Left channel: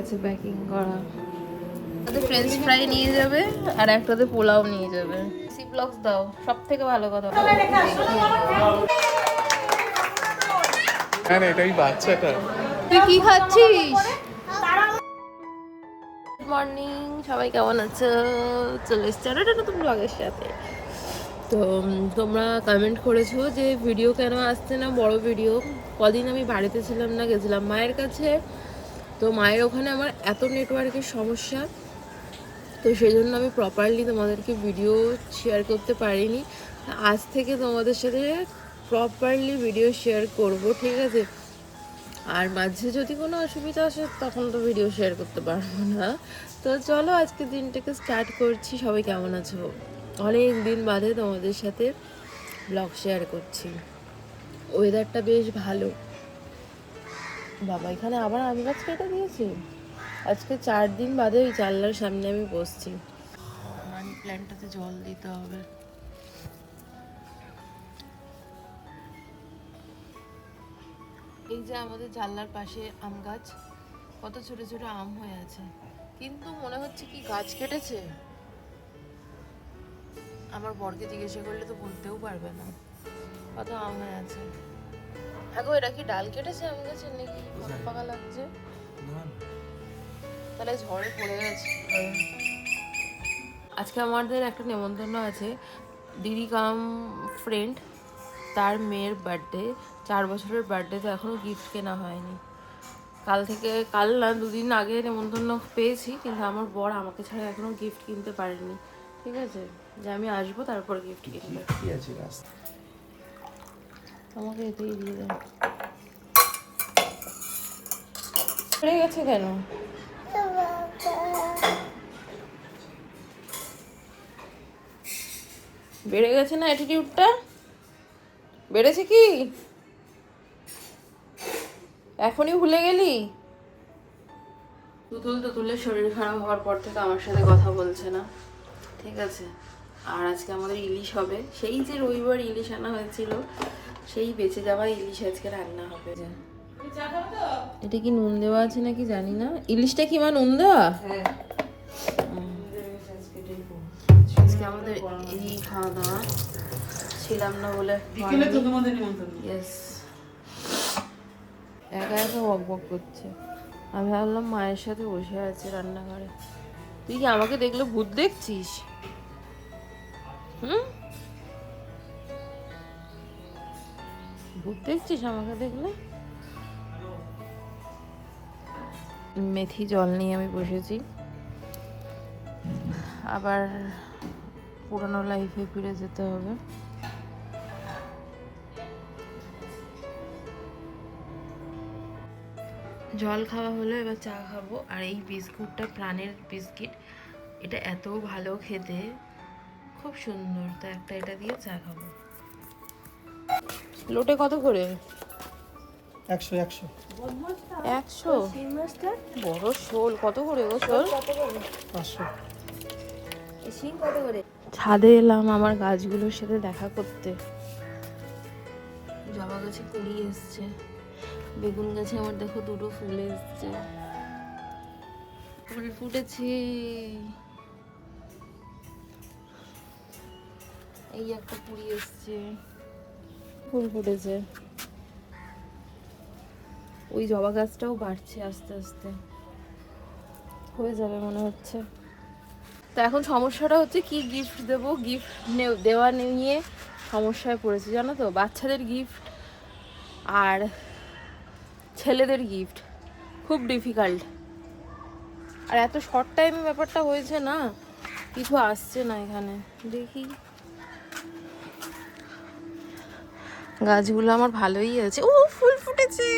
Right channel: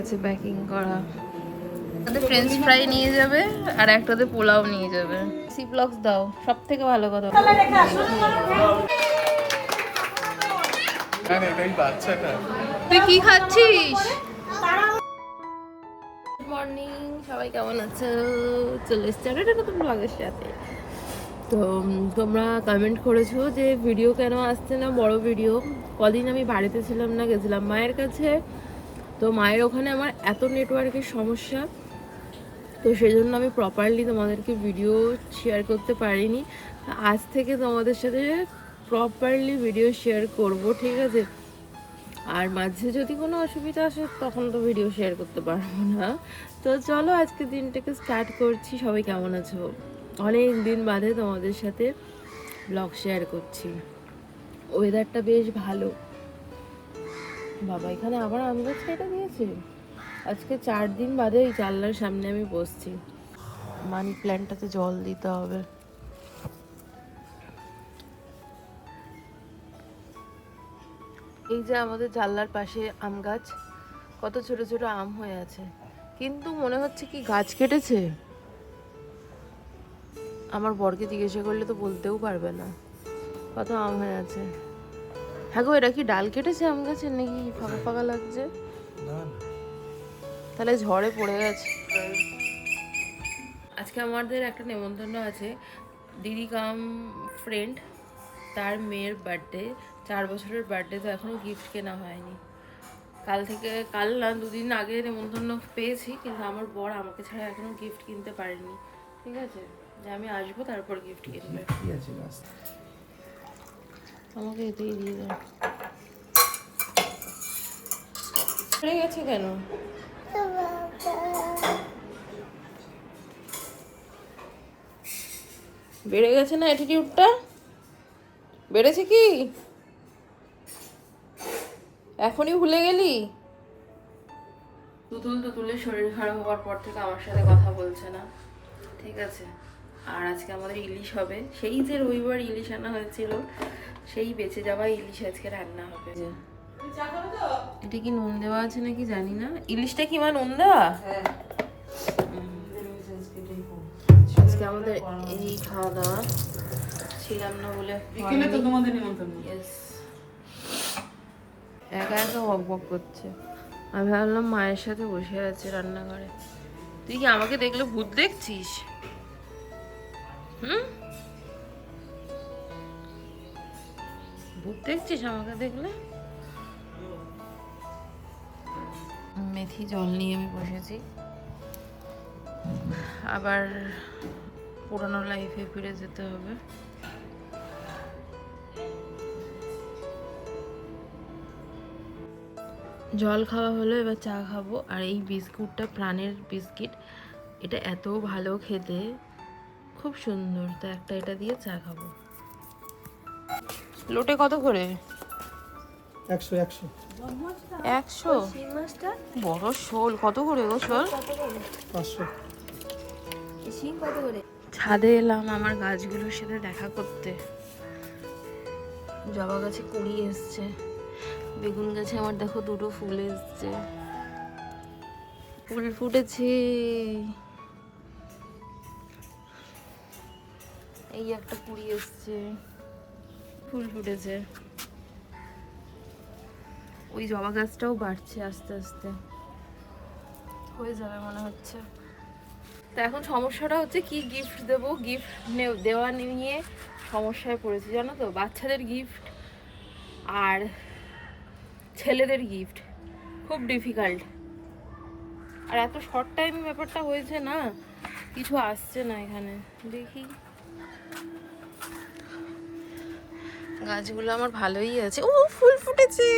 আছে প্যাকিং করা। একটাতে ফ্রেঞ্চ ফ্রাই নিয়ে যাবে আর একটাতে পোলাও নিয়ে যাবে। সি ব্লগস দাও, সব থেকে ভালো কথা। এটাই বাচ্চাটা। তুই কি খাচ্ছিস? গুড মর্নিং, সবাই কেমন আছো? চলে এসছি আর একটা নতুন ব্লগের সাথে। তো তোমরা কমেন্ট করেছো যে ভিডিও কেন আসছে না, বড় ভিডিও। কদিন আমি বাড়িতে ছিলাম না, গেছিলাম মায়ের কাছে। তো মায়ের ওখানে আমার এত নেটওয়ার্কের সমস্যা, তো সেই জন্য আমি প্রপারলি তোমাদেরকে ভিডিও শেয়ার করতে পারিনি। আজ থেকে তোমাদের সাথে প্রপারলি ভিডিও শেয়ার করব, ঠিক আছে? আর মাঝে যদি কোনো অসুবিধা আসে তখন তো ভিডিও শেয়ার করতে পারবো না। তো চলো আজকে দিনটাকে স্টার্ট করছি। সবাই কেমন আছো? অনেক দিন বাদে তোমাদের সাথে ব্লগ শেয়ার করছি। ওয়েদারটা বেশ ভালো। বাবা এখানে আবার আম গাছ কেটে দিয়েছে। আজকে 4 দিন বাদে ওই জানলার সামনে আমি বসছি। মানি প্ল্যান্টটাতে জল দিতে হবে। এই যে আমাদের জানলার পাশে আম গাছ, কত ছোট ছোট আম হয়ে আছে, কিন্তু মনে হচ্ছে কি গাছ কেটেছে। আমার বরকে জিজ্ঞাসা করলে তো বলতেও পারবে না কত আম হয়ে আছে। হ্যাঁ গো, এটা কি ডাল কেটেছে আম গাছের নাকি ফাঁকা ফাঁকা লাগছে? তাহলে ঝড়ে পড়ে গেছে। আজকে আমাদের একটা নেমন্তন্ন আছে, দিদি কাম ফ্রেন্ড, তার মেয়ের বার্থডে, 4 বছরের বার্থডে। তো এখনও গিফট কেনা হয়নি। কাল থেকে, কাল না 2 দিন আগে নেমন্তন্ন পেয়েছি, কিন্তু আমার বর আমাকে ছাড়া এখনও গিফট কিনতে পারেনি। ঠিক আছে, যে আমি আসবো তারপর গিফট কিনবে। আমাকে এতেই দিয়ে দাও। পড়ে গেছে কেন? বেড়ে গেছে না অ্যাটিটিউডটা? বেড়েছে কি? এখনই ভুলে গেলি? তুতুলের শরীর খারাপ হওয়ার পর থেকে আমার সাথে কথা বলছে না, ঠিক আছে? আর আজকে আমাদের ইলিশ হবে। সেই যে রবিবার ইলিশ আনা হয়েছিল, সেই বেঁচে যাওয়া ইলিশ আজকে রান্না হবে। এটা কি নুন দেওয়া আছে নাকি জানি না। ইলিশটা কি মা নুন দেওয়া? আজকে আমাদের এই খাওয়া দাওয়া, ছিলাম না বলে। একা একা বক বক করছে। আমি ভাবলাম মায়ের সাথে বসে আছে রান্নাঘরে। তুই কি আমাকে দেখলে ভূত দেখছিস? ভূত দেখছিস আমাকে দেখলে? মেথি জল নিয়ে আমি বসেছি, আবার পুরানো লাইফে ফিরে যেতে হবে। জল খাওয়া হলো, এবার চা খাবো। আর এই বিস্কুটটা প্রাণের বিস্কিট, এটা এত ভালো খেতে, খুব সুন্দর। তো একটা এটা দিয়ে চা খাবো। লোটে কত করে? 100 100 100? বড় শোল কত করে গো? শোল 500। ছাদে এলাম আমার গাছগুলোর সাথে দেখা করতে। জবা গাছে কুড়ি এসছে, বেগুন গাছে আমার দেখো 2টো ফুল এসছে, ফুল ফুটেছে। এই একটা কুড়ি এসছে, ফুল ফুটেছে। ওই জবা গাছটাও বাড়ছে আস্তে আস্তে, হয়ে যাবে মনে হচ্ছে। তো এখন সমস্যাটা হচ্ছে কি গিফট দেবো। গিফট দেওয়া নিয়ে সমস্যায় পড়েছি, জানো তো। বাচ্চাদের গিফট আর ছেলেদের গিফট খুব ডিফিকাল্ট। আর এত শর্ট টাইমে ব্যাপারটা হয়েছে না, কিছু আসছে না এখানে। দেখি, গাছগুলো আমার ভালোই আছে। ও ফুল ফুটেছে।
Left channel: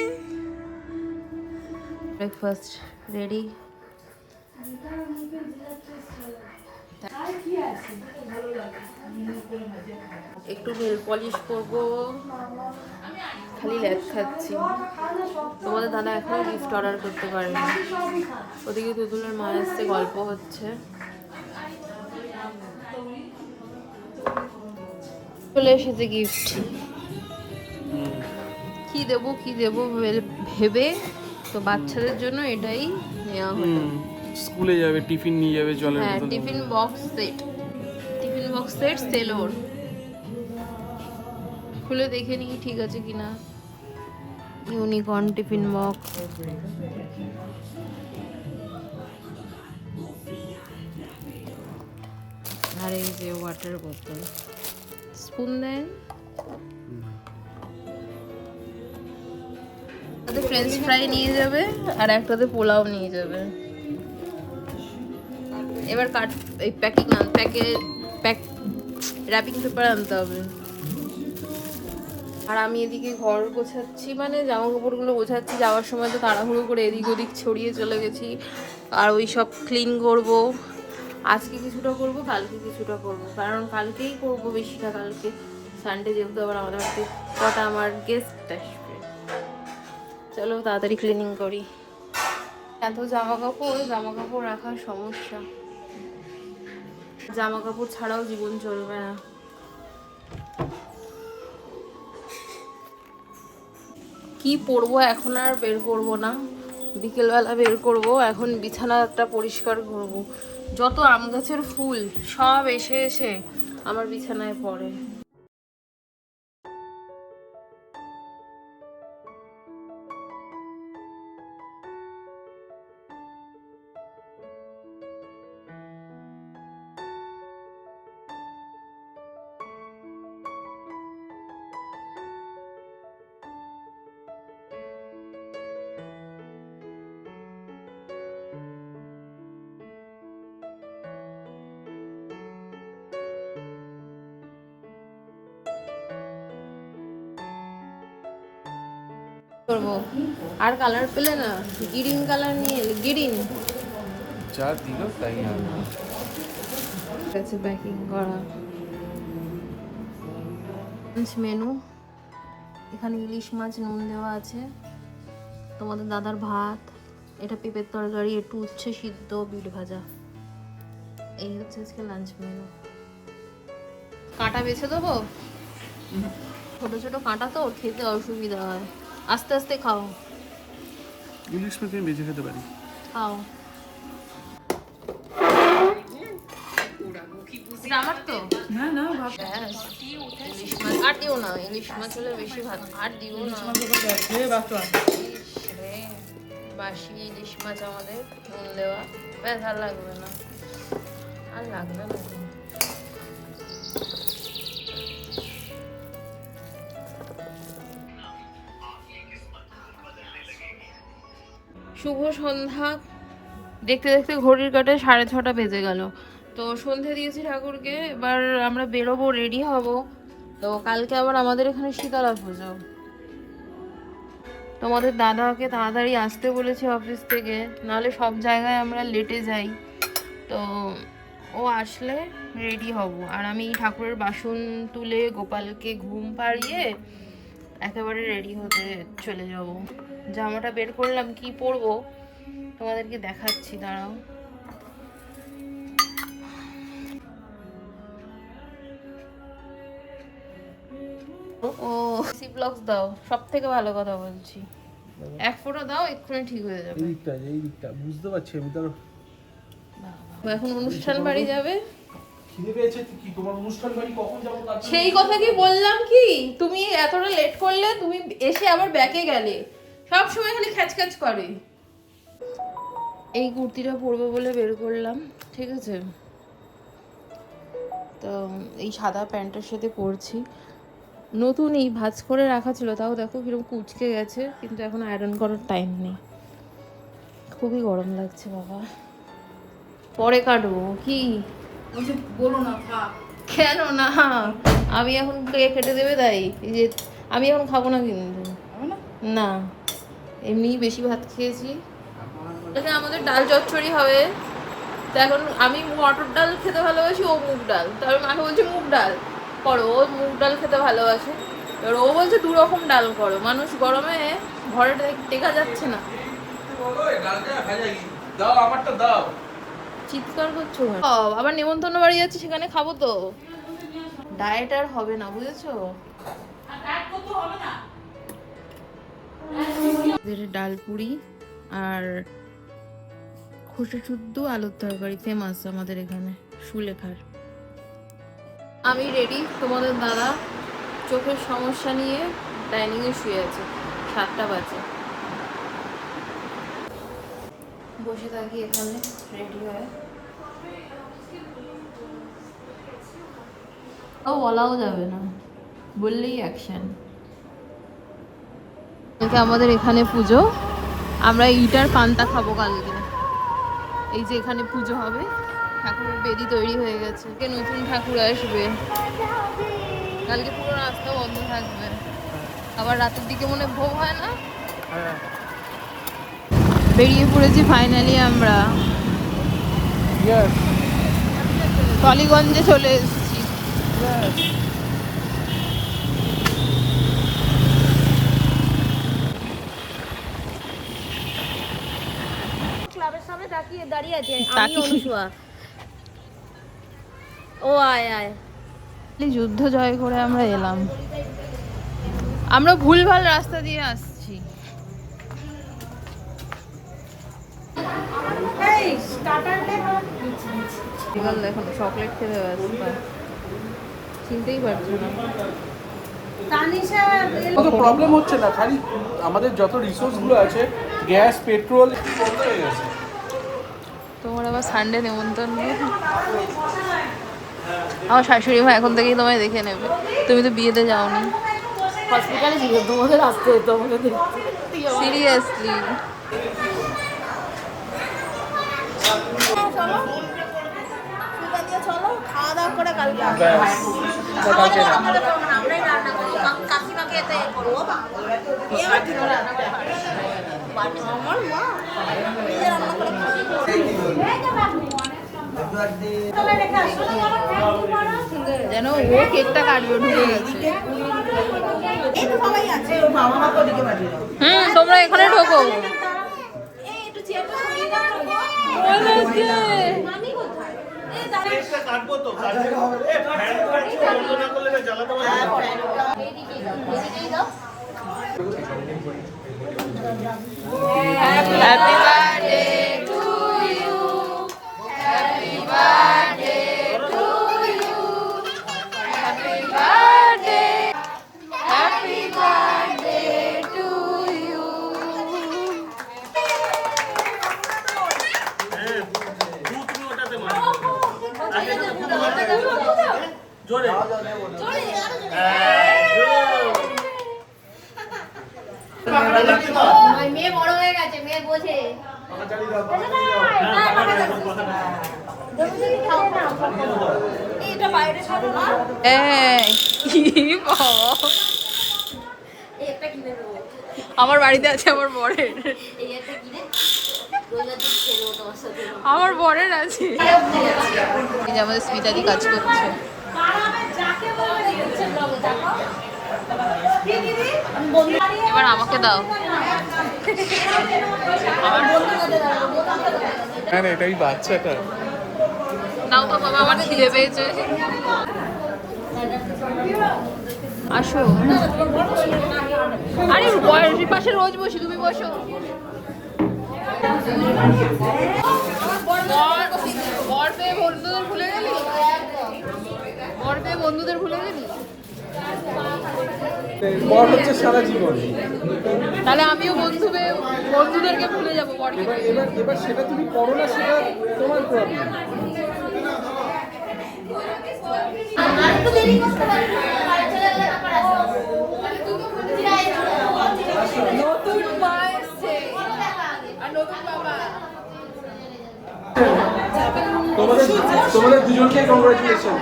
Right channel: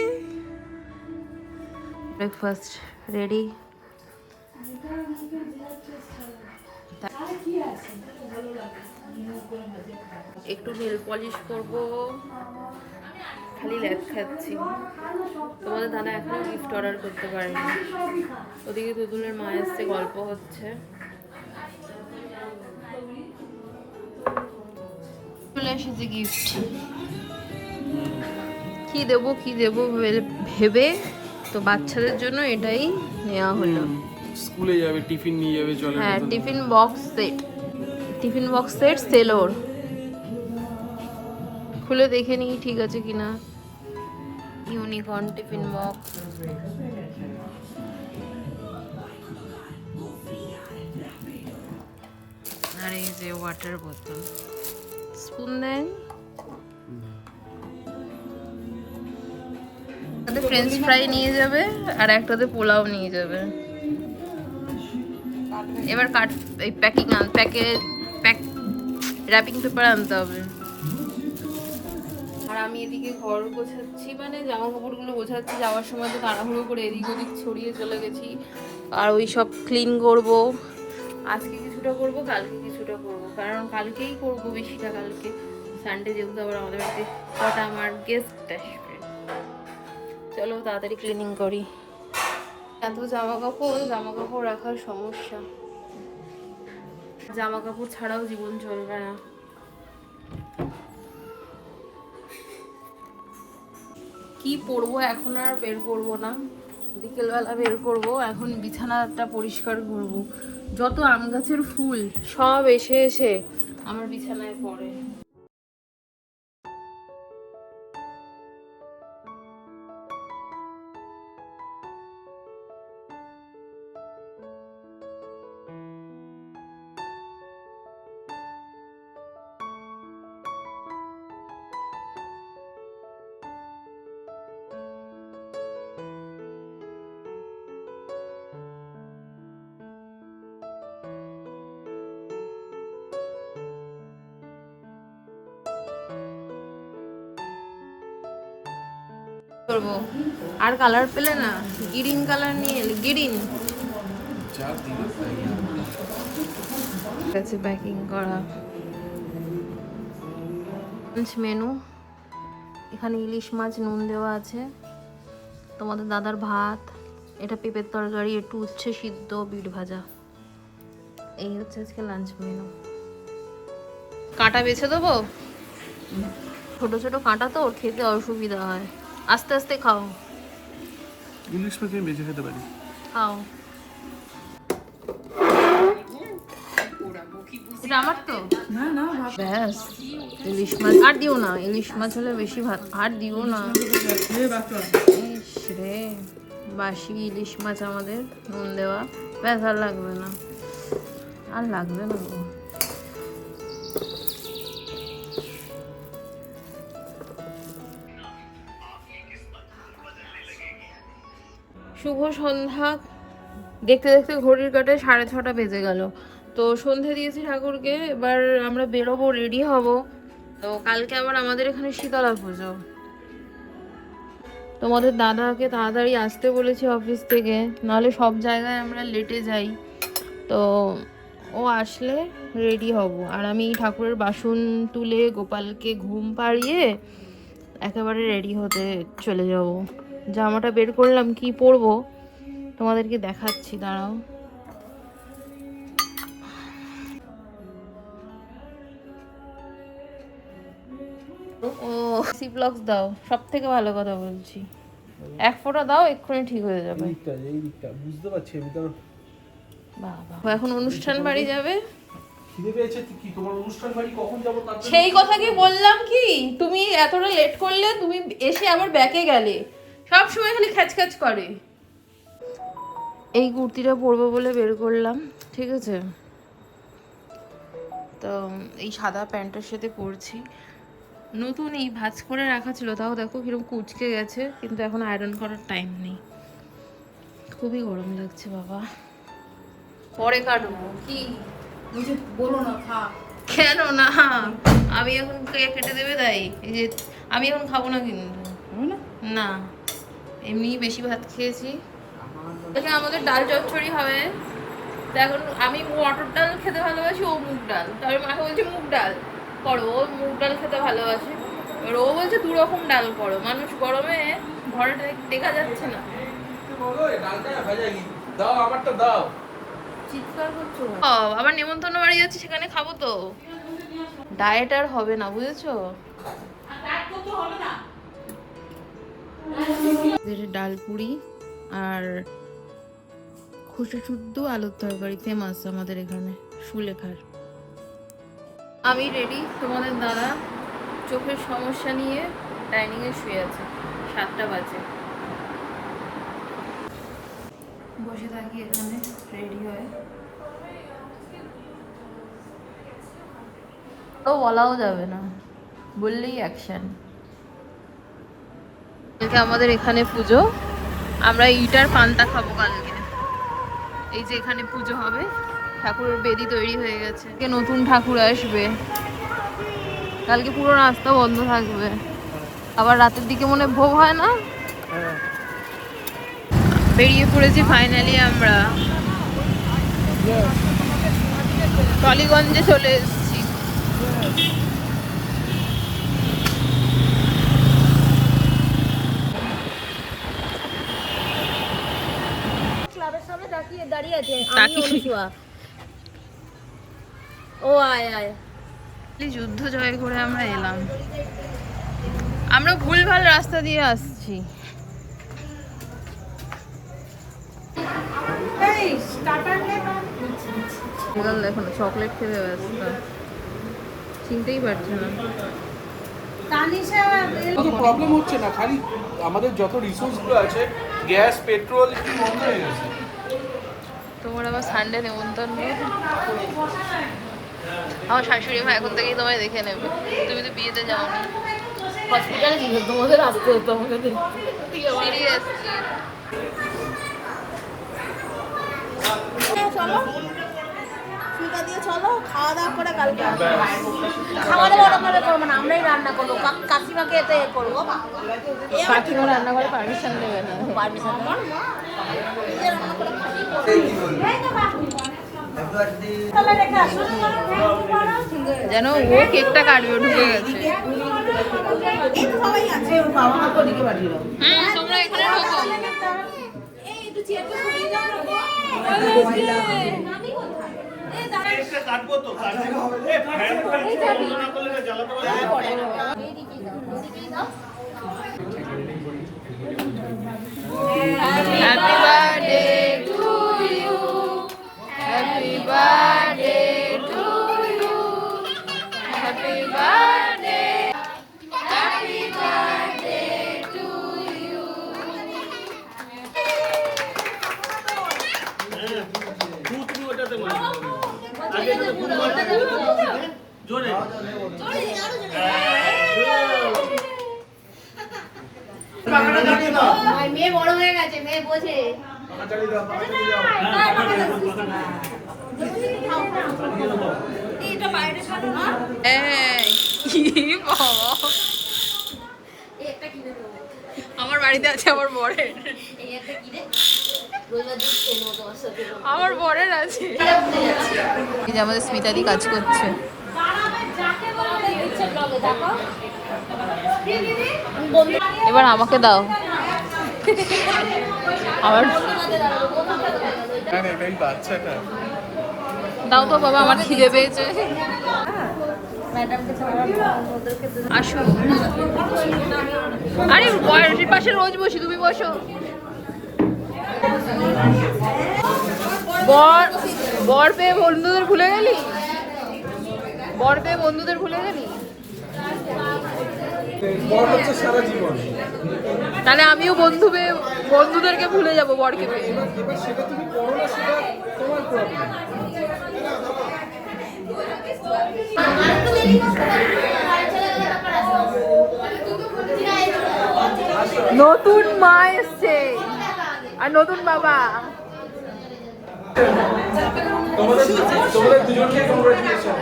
Breakfast ready. একটু নেল পলিশ করবো, খালি ল্যাদ খাচ্ছি। তোমাদের দাদা এখনো গিফট অর্ডার করতে পারেনি। ওদিকে তুতুলের মা এসছে, গল্প হচ্ছে। চলে এসেছে গিফট। কি দেবো ভেবে, তো বাচ্চাদের জন্য এটাই নেওয়া হলো। স্কুলে যাবে, টিফিন নিয়ে যাবে, জলের হ্যাঁ, বোতল। টিফিন বক্স সেট সেলোর। খুলে দেখে নিই ঠিক আছে কিনা। Unicorn tiffin mug. আর এই যে ওয়াটার বোতল। স্পুন দেন। একটা ফ্রেঞ্চ ফ্রাই নিয়ে যাবে আর একটাতে পোলাও নিয়ে যাবে। এবার এই র্যাপিং পেপার আনতে হবে। আর আমি এদিকে ঘর গোছাচ্ছি, মানে জামা কাপড়গুলো গোছাচ্ছি। যাওয়ার সময় তো তাড়াহুড়ো করে এদিক ওদিক ছড়িয়ে চলে গেছি। আর ওই সব ক্লিন করব। আজকে কিছুটা করব, কালকে কিছুটা করব, কারণ কালকেই করব বেশিটা। কালকে সানডে যেহেতু আবার আমাদের বাড়িতে কটা আমার গেস্ট আসবে। চলো তাড়াতাড়ি ক্লিনিং করি। এত জামা কাপড় রাখার সমস্যা। জামা কাপড় ছাড়াও জীবন চলবে না। কি পরবো এখন আর বের করব না, বিকেলবেলা বের করব। এখন বিছানাটা পরিষ্কার করব। যত আম গাছের ফুল সব এসে এসে আমার বিছানায় পড়ে। করবো আর কালার পেলে না, গ্রিন কালার নিয়ে এলে। গ্রিন যা দিল তাই আছে প্যাকিং করা। মেনু এখানে ইলিশ মাছ নুন দেওয়া আছে, তোমাদের দাদার ভাত, এটা পেঁপের তরকারি, একটু উচ্ছে সিদ্ধ, বিট ভাজা। এই হচ্ছে আজকে লাঞ্চ মেনু। কাঁটা বেছে দেবো, ছোট ছোট কাঁটা তো খেতে অসুবিধা হয়। আস্তে আস্তে খাও। ইলিশ মাছ আমি বেঁচে খেতে পারি। খাও। এটা আমার তো না না, ব্যাস। ইলিশ মাছ আর দিও না, ইলিশ মাছ হলে বেশি ভাত আর দিও না। রে বাসি ইলিশ মাছ আমাদের নুন দেওয়া, ব্যাস আর লাগবে না, আর লাগবে না। শুভ সন্ধ্যা। দেখতে দেখতে ঘড়ির কাঁটায় 6:30 বেজে গেল। তো সন্ধে দিয়েছি ঠাকুরকে, এবার আমরা বেরোবো, রেডি হব। তো কালকে আবার আমাদের এখানে শীতলা পুজো। তোমাদের দাদাকে তাড়াতাড়ি আসতে বলেছি অফিস থেকে, নাহলে সব জায়গায় আমরা লেটে যাই। তো ও আসলে রেডি হব। আর আমি ঠাকুরের বাসন তুলে গোপালকে ঘুম পাড়িয়ে একেবারে রেডি হতে চলে যাব। জামাটা বের করলাম, কি পরবো তোমাদেরকে দেখাচ্ছি, দাঁড়াও। ও সি ব্লগস দাও, সব থেকে ভালো কথা বলছি। এক ফোঁটা দাও, এক্ষুনি ঠিক হয়ে যাবে। এই দিকটা বুঝতে পারছি আমি তো। বাবা এখন অনুষ্ঠান বাড়ি যাবে। খিদে পেয়েছে কি, তোমার অনুষ্ঠান বাড়ি কখন যাব? সেই কথা কি বললাম কি, তুমি এতটা লেট করলে, তুমি এসে আবার ব্যাকে গেলে, সব সময় খালি খ্যাচখ্যাচ করে। এই কুর্তিটা পরবো বলে বের করলাম, ঠিক আছে। তো এই সাদা প্যান্টের সাথে পরছি। নতুনই ভাঁজ করে রাখা ছিল, তাও দেখো কিরকম কুচকে গেছে, কিন্তু এখন আয়রন করার টাইম নেই। খুবই গরম লাগছে বাবা। পরে কাটবো কি বলো না, খা। কেন না, আমি এখন কেটে দেবে তাই। এই যে আমি এখন খাবো না কিন্তু, না এমনি বেশি ভাত খেয়েছি। আমাদের ডাল চচ্চড়ি হবে। তো এখন আমি মটর ডাল খেতে ভালোবাসি, ও মুগ ডাল। তারপর মাকে বলছে মুগ ডাল করো, ও মুগ ডাল খেতে ভালোবাসে। এবার ও বলছে 2 রকম ডাল করো, মানুষ গরমে ঘরে টেকা যাচ্ছে না। চিৎকার করছো, আবার নেমন্তন্ন বাড়ি যাচ্ছি, সেখানে খাবো তো। ডায়েট আর হবে না, বুঝেছো। ডাল পুরি আর খোসা শুদ্ধ আলুর তরকারি ফেমাস আমাদের এখানে সুলেখার। আমি রেডি, তোমাদের দাদা চোখের সমস্যা নিয়ে ডাইনিংয়ে শুয়ে আছে, 7টা বাজে। বসে থাকি এখানে রেডি হয়ে। ও বলাও যাবে না, বললেই অ্যাকশন। আমাদের এখানে পুজো, আমরা ইটার পান্তা খাবো কালকে। এই যে এখানে পুজো হবে, ঠাকুরের বেদি তৈরি হয়ে গেছে, নতুন ঠাকুর আসবে। কালকে পুরো রাস্তা বন্ধ থাকবে, আবার রাতের দিকে মনে ভোগ হয় না। বেরিয়ে পড়েছি ফাইনালি আমরা, টলিগঞ্জে চলে এসেছি। ক্লাবের সামনে দাঁড়িয়ে আছে আমি অনুসুয়া। ও আয় আয়, যুদ্ধ জয় করে আমরা এলাম। আমরা ভুলভাল রাস্তা দিয়ে আসছি। দেখো না, চকলেট খেতে ব্যস্ত, চিনতেই পারছে না। কোনো প্রবলেম হচ্ছে না, খালি আমাদের যত রিসোর্স গুলো আছে, গ্যাস, পেট্রোল, একটু বন্ধ হয়ে গেছে। তোমার আবার সানডে নেমন্তন্ন। আমার শাশুড়ি মা এখন থেকেই তোমায় দেখে নেবে, তুমি তো বিয়েতে যাওনি। হসপিটালে ছিল, তোমাদের আসতে হতো আমাকে দেখতে। সিরিয়াসলি। চলো খাওয়া দাওয়া করে কালকে আমরাই রান্না করবো, কাকিমাকে এতে করবো। আমার মা নিজে রান্না করে যেন ও কেকটা কাটবে, ঢুকে গেছে। তোমরা এখানে ঢোকো। Happy birthday to you. Happy birthday to you. Happy birthday. Happy birthday to you. মেয়ে বড় হয়ে গেছে, মেয়ে বোঝে। আমার বাড়িতে আছে আমার বরের, আমার বরের আছে। এবার আমাকে দাও, আমার এটাই বাচ্চাটা। দাও তো বাবা, আমার খিদে পেয়েছে। আসো। আরে বয়সের পাশে রোজ বসি, তুমি বসো। বর পেয়ে বন্ধুদের ভুলে গেলি, বর পেয়ে বন্ধুদের ভুলে গেলি। বর হচ্ছে সারা জীবন। তাহলে আমিও বন্ধুদেরকে ভুলে যাবো বরকে পেয়ে। এবার সেটা তুমি করো না, সেটা তোমার প্রবলেম। নতুন মা এসছে আর নতুন বাবা। তোমাদের দুজনকে কংগ্রাচুলেশন।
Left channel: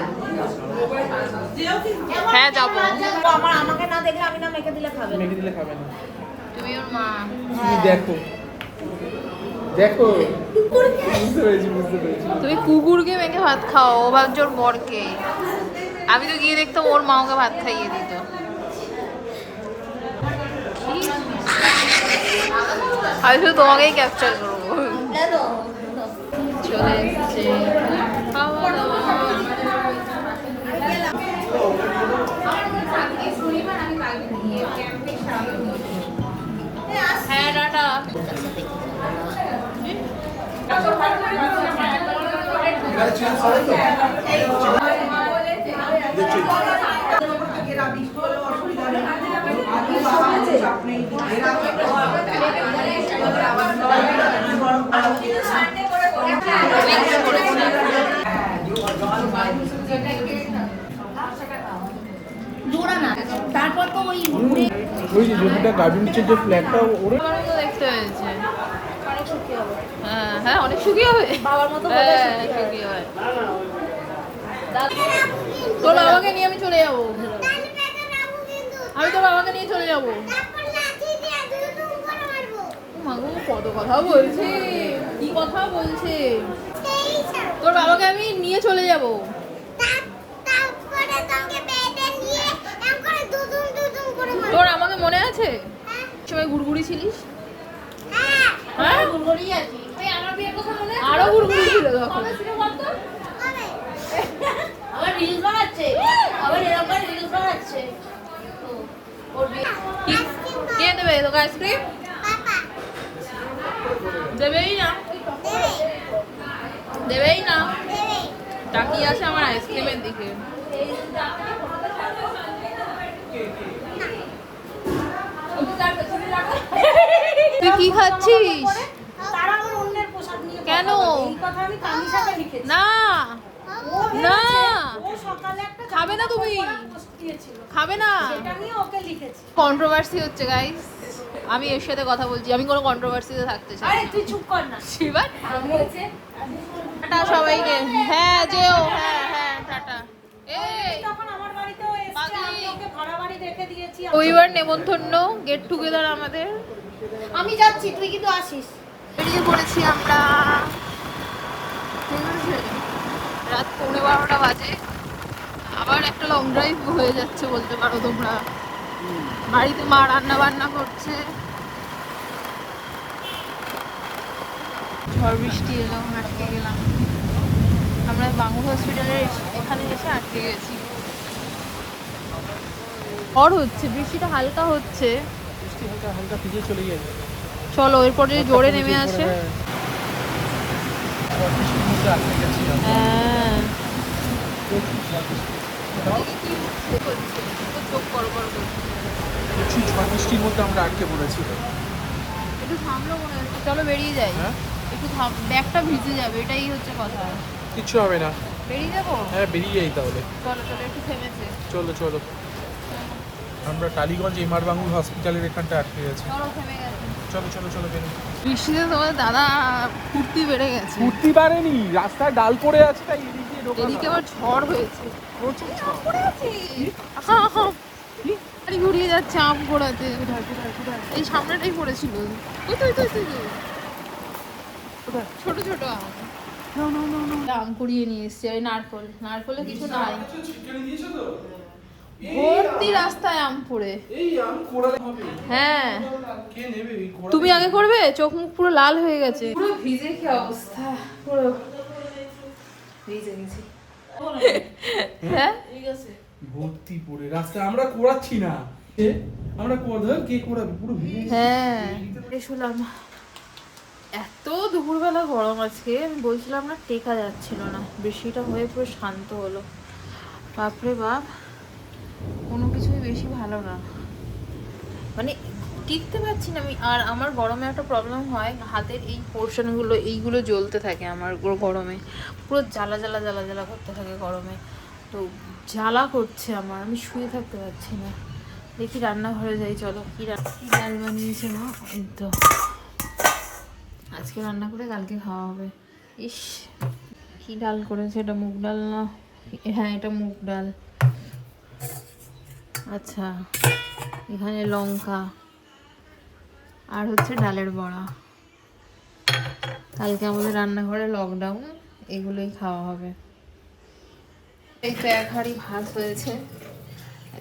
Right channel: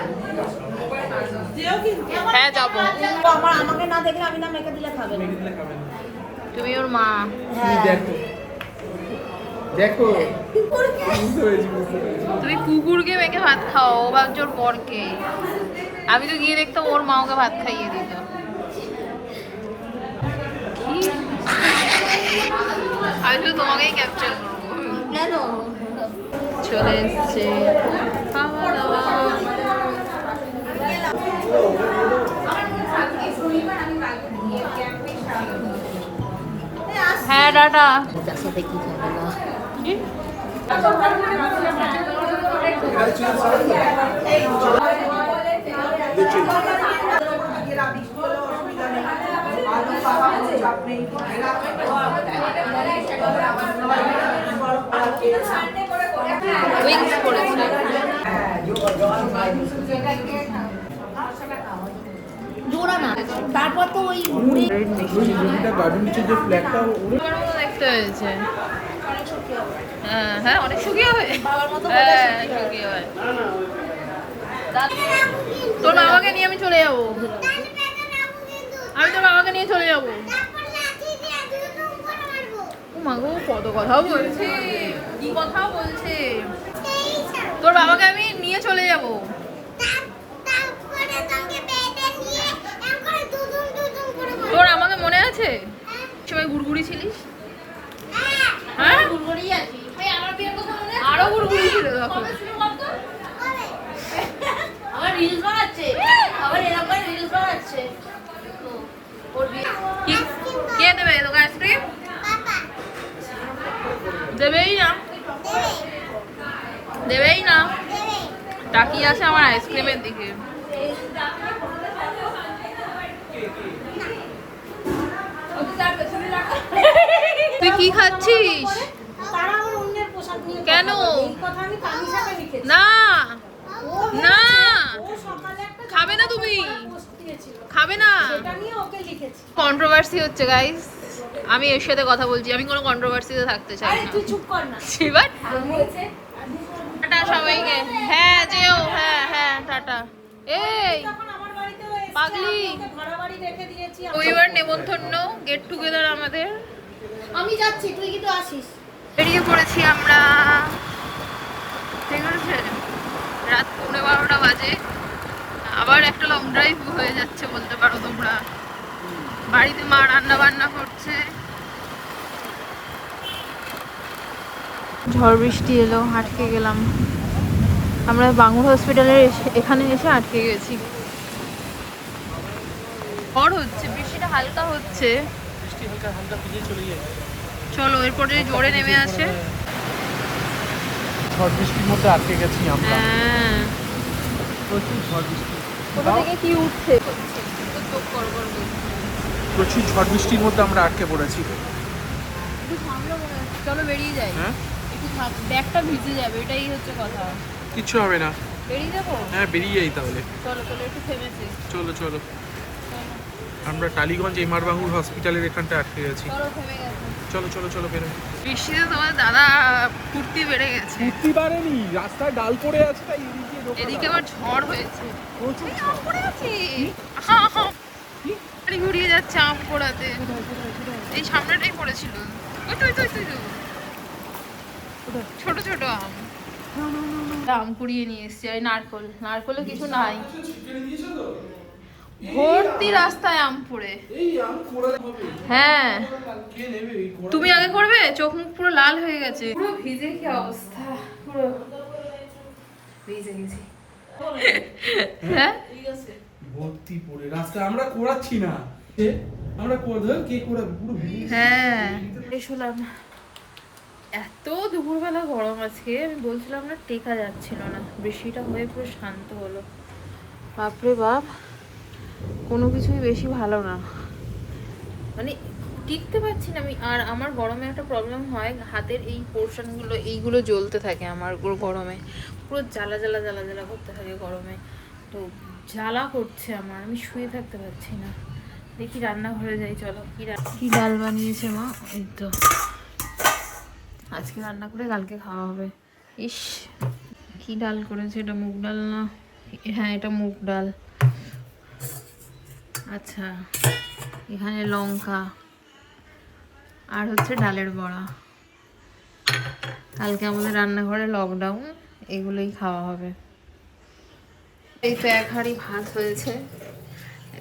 হ্যাঁ যাবো। আমাকে না দেখলে আমি না মেখে দিলে খাবে না। তুমি ওর মা। তুমি দেখো দেখো, বুঝতে পেরেছি। তুমি কুকুরকে মেখে ভাত খাও, ও ভাবছে ওর বরকে। আমি তো গিয়ে দেখতাম ওর মা ওকে ভাত খাইয়ে দিত। কি আমি শুধু তোমাকেই ক্যাপচার করবো। চলে এসছে খাওয়া দাওয়া। হ্যাঁ টাটা। গার্ডেন নিচের যে ফ্ল্যাগটা ওরে দেখতে হয়েছে। হ্যাঁ হ্যাঁ, অনেক সুখী হবে। হ্যাঁ সুখী হবে। তোর বাবাকে নিয়ে আমি চলে যাবো, আমি তোর বাবাকে নিয়ে চলে যাবো। মাগো কত কথা বলছি, কি কথা বলছে। তোর বাবাকে আমি নিয়ে চলে যাবো। তোর আমাকে মনে আছে সবাই গুড়গুড়ি ছিলিস? হ্যাঁ আরো গুড়গুড়ি ছিল তখন। কে দেবে তোকে আইসক্রিম? দেবেই না, দেবেই না, তাকিয়ে আছে আমার আইসক্রিমের দিকে। তুই কি খাচ্ছিস? কেন? না না, খাবে না তুমি, খাবে না। কন্ট্রোভার্সি হচ্ছে গাইস, আমি এর সাথে কথা বলছি, আমি কোনো কন্ট্রোভার্সিতে থাকতে চাই না। তুই চুপ কর না। শিবান টাটা সবাইকে। হ্যাঁ যেও, হ্যাঁ হ্যাঁ টাটা। এই পাগলি, রবিবার নেমন্তন্ন, গেট টুগেদার আমাদের। আমি যাচ্ছি, তুই কিন্তু আসিস। বেরিয়ে পড়েছি আমরা, ঠিক আছে? রাত 11:30 বাজে, আবার একটা লং ড্রাইভ হয়ে যাচ্ছে বলতে পারো তোমরা। বাড়িতে মা রান্না বান্না করছে। ঝড় বৃষ্টি এলো, আটকে গেলাম আমরা। বাঙুর হসপিটালের এখানে এসে আটকে গেছি। ঝড় হচ্ছে, বৃষ্টিটা হালকা হচ্ছে। চলো এরপরে জোরে নেমে আসে। হ্যাঁ কি উঠছে, চোখ করবর করছে। প্রচুর ঝড় বৃষ্টির মধ্যে আমরা আটকে পড়েছি। একটু থামলো মনে হচ্ছে, চলো বেরিয়ে যাই। হ্যাঁ একটু ব্যাগটা ভিজে যাবে, এটাই হচ্ছে কথা। কিচ্ছু হবে না, বেরিয়ে যাবো। হ্যাঁ বেরিয়ে যাই তাহলে। চলো চলো, একটু থেমেছে। চলো চলো, আমরা টালিগঞ্জ এমআর বাঙ্গুর হসপিটালের এখানটা আটকে গেছি। চলো থেমে গেছে। চলো চলো চলো বেরো। বৃষ্টিতে তোমার দাদা ফুর্তি বেড়ে গেছে। উঠতে পারেনি, রাস্তায় ডাল পড়ে আছে, তাই এদিকে এদিকে আবার ঝড় হয়েছে, প্রচুর ঝড় পড়ে আছে। গাড়ি ঘুরিয়ে যাচ্ছে আম পোড়াতে। এই সামনেটাই পড়েছিল, ওই তো ওই তো ওই তো, ছোট ছোট আম। আম কুড়িয়ে নিয়ে এসছি। আর নারকল, নারকলে কিছু নাই, ভর্তি রাস্তায় আম পড়ে। হ্যাঁ তুমি আগে করবে, চোখ মুখ পুরো লাল হয়ে গেছে, পুরো ভিজে কি অবস্থা, পুরো ভিজে গেছি। হ্যাঁ ভর্তি পড়ে রাস্তায়, আমরা কোড়াচ্ছি না, আমরা কোড়া কে কোড়াবে, পুরো হ্যাঁ এসলাম। এত দুপুরবেলা গরম আছে, আমি বলছিলাম না টেকা যাচ্ছিল না, বৃষ্টিটা হয়ে পুরো শান্ত হলো। বাপরে বাপ, কোনো কিছুই বেশি ভালো না, মানে টিকতে পারছি না আমি। আর আমার গরমে একটা প্রবলেম হয়, হাতের এই পোর্শনগুলো এইগুলো জ্বলতে থাকে আমার গরমে, পুরো জ্বালা জ্বালা জ্বালা জ্বালা করতে থাকে গরমে। তো জ্বালা করছে আমার, আমি শুয়ে থাকতে পারছি না। দেখি রান্নাঘরে যাই, চলো। কি ডাল বানিয়েছে মা, এই তো আজকে রান্না করে কালকে খাওয়া হবে। ইস কি ডাল করেছে, এটা মুগ ডাল না? হ্যাঁ এটা মুগ ডাল। আচ্ছা এখানে লঙ্কা আর হচ্ছে ডালের বড়া। কালকে আমাদের রান্নাঘরে লকডাউন, এগুলোই খাওয়া হবে। এই তো এক হাঁড়ি ভাত হয়েছে,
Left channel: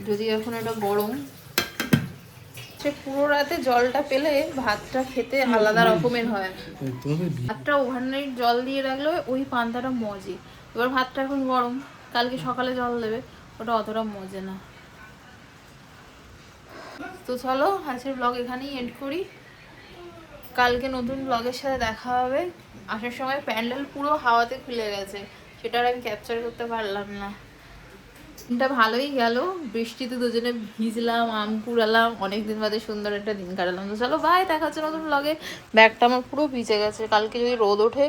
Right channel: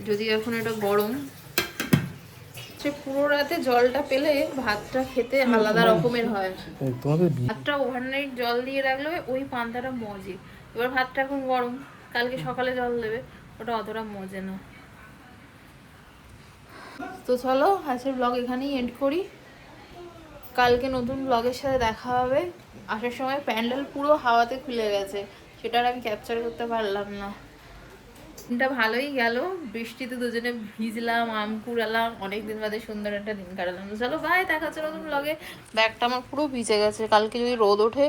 যদি এখন এটা গরম, সে পুরো রাতে জলটা পেলে ভাতটা খেতে আলাদা রকমের হয়। ভাতটা ওভারনাইট জল দিয়ে রাখলে ওই পান্তাটা মজে। এবার ভাতটা এখন গরম, কালকে সকালে জল দেবে, ওটা অতটা মজে না। তো চলো আজকের ব্লগ এখানেই এন্ড করি, কালকে নতুন ব্লগের সাথে দেখা হবে। আসার সময় প্যান্ডেল পুরো হাওয়াতে খুলে গেছে, সেটা আর আমি ক্যাপচার করতে পারলাম না। দিনটা ভালোই গেল, বৃষ্টিতে দুজনে ভিজলাম, আম কুড়ালাম, অনেকদিন বাদে সুন্দর একটা দিন কাটালাম। তো চলো বাই, দেখা হচ্ছে নতুন ব্লগে। ব্যাগটা আমার পুরো ভিজে গেছে, কালকে যদি রোদ ওঠে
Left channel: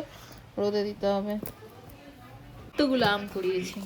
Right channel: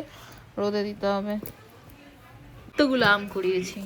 রোদে দিতে হবে। কতগুলো আম কুড়িয়েছি।